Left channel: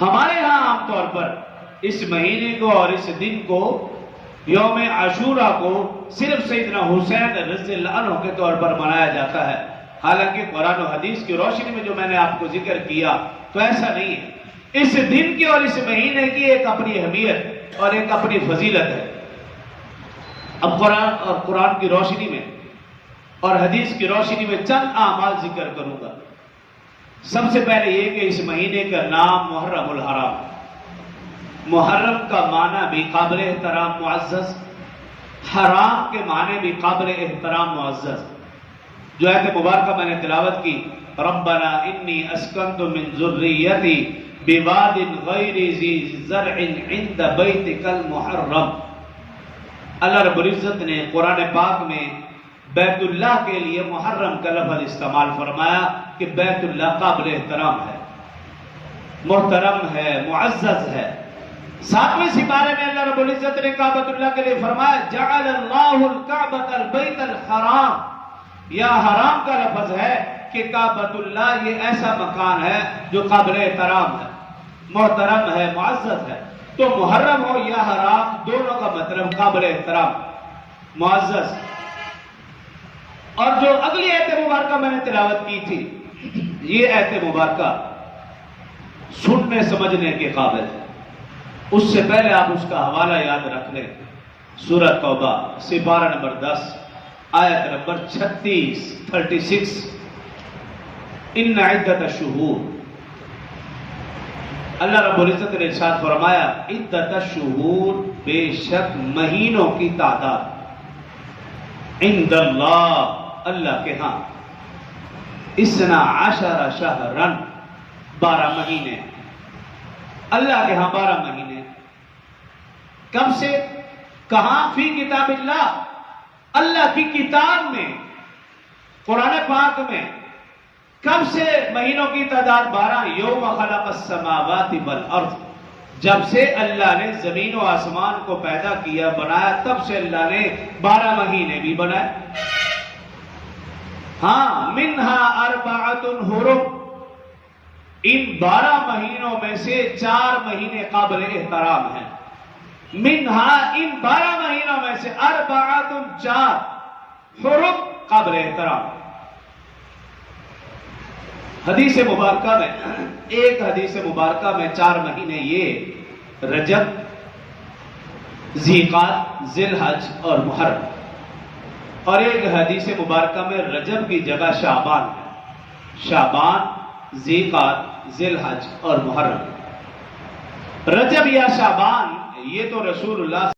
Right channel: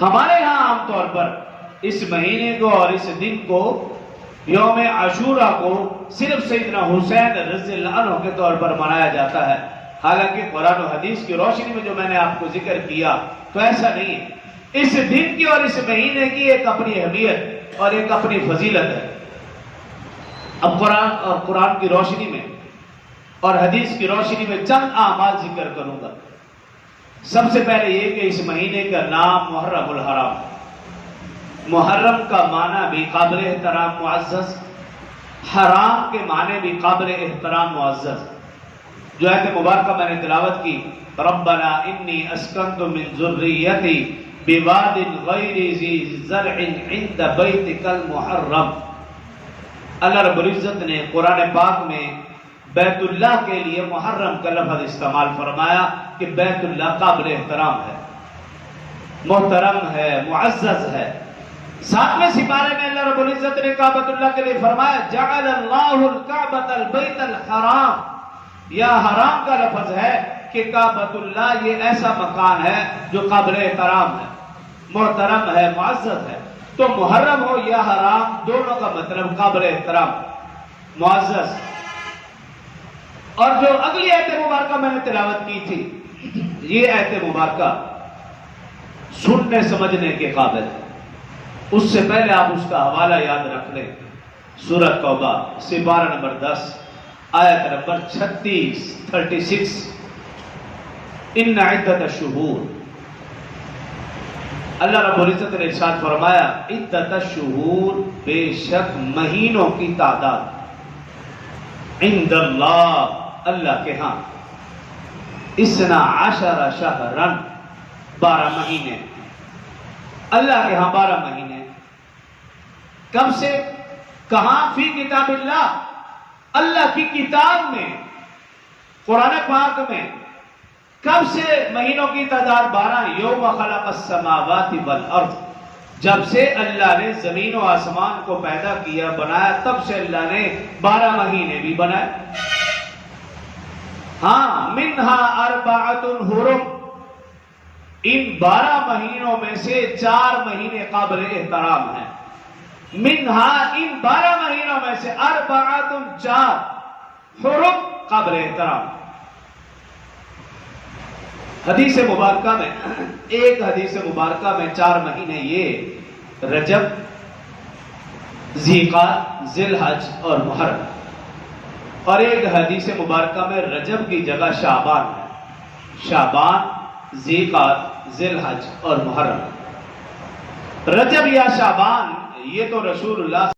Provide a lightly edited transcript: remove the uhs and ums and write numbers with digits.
ہمارے ہاں عام طور پر اس مہینے کو اور اس دن کو یوم عاشورہ کو صرف سیدنا حسین رضی اللہ عنہ کے طور پر منایا جاتا ہے، حالانکہ قرآن و حدیث کی روشنی میں جو میں نے آپ کو ذکر کیا تو ایسا نہیں ہے۔ اس دن کی اور اس مہینے کی ایک اپنی اہمیت اور ایک اپنی فضیلت ہے۔ اب قرآن کی روشنی میں اور حدیث کی روشنی میں چند اعمال ذکر کروں گا۔ سب سے پہلے یہ کہ اس مہینے کا نام محرم الحرام، محرم کا معنی بھی قابل احترام معزز، حرام کے معنی بھی قابل احترام معزز۔ جو آیت مبارکہ میں نے تلاوت کی، ربنا انی اسکنت من ذریتی بواد غیر ذی زرع عند بیتک المحرم، اللہ رب العزت نے قرآن پاک میں بیت اللہ کے لیے محرم کا لفظ استعمال فرمایا کہ بیت اللہ قابل احترام ہے، محترم ہے، معزز ہے۔ 7ویں سپارے میں اللہ رب العزت نے کعبۃ اللہ کے لیے فرمایا جعل اللہ الکعبۃ البیت الحرام، یہاں حرام کا لفظ ہے کہ کعبۃ اللہ یہ ایسا مکان ہے جو قابل احترام ہے، محترم ہے، معزز ہے۔ تو محرم ہو یا حرام دونوں کا مطلب قابل احترام، معزز۔ اور جو اگلی آیت مبارکہ میں نے تلاوت کی تھی، یہ آیت مبارکہ سننے سمجھنے کے قابل ہے۔ اس سے پہلے آپ اس کا حوالہ یاد رکھ لیں، سورۃ توبہ سپارہ نمبر 10 آیت نمبر 36 ان عدت الشہور، اللہ رب العزت نے ارشاد فرمایا عدت الشہور، بے شک مہینوں کی تعداد، عند اللہ، اللہ کے ہاں، 12 شہرن، 12 مہینے، اللہ کے ہاں 12 مہینے۔ کب سے؟ کہاں؟ فی کتاب اللہ، اللہ کی کتاب میں، قرآن پاک میں۔ کب سے مہینوں کی تعداد 12؟ یوم خلق السماوات والارض، جب سے اللہ نے زمین و آسمان کو پیدا کیا، بنایا، تب سے اللہ نے 12 مہینے بھی بنائے۔ ہاں، منہا اربعۃ حرم، ان 12 مہینوں میں سے 4 مہینے قابل احترام ہیں۔ منہا، ان 12 مہینوں میں سے، اربعۃ، 4 حرم، قابل احترام۔ حدیث مبارکہ میں، ایک حدیث مبارکہ میں 4 مہینے یہ رجب، ذیقعدہ، ذی الحج اور محرم، اور ایک حدیث مبارکہ میں رجب کی جگہ شعبان ہے، شعبان، ذیقعدہ، ذی الحج اور محرم۔ رجب یا شعبان یہ تو رسول اللہ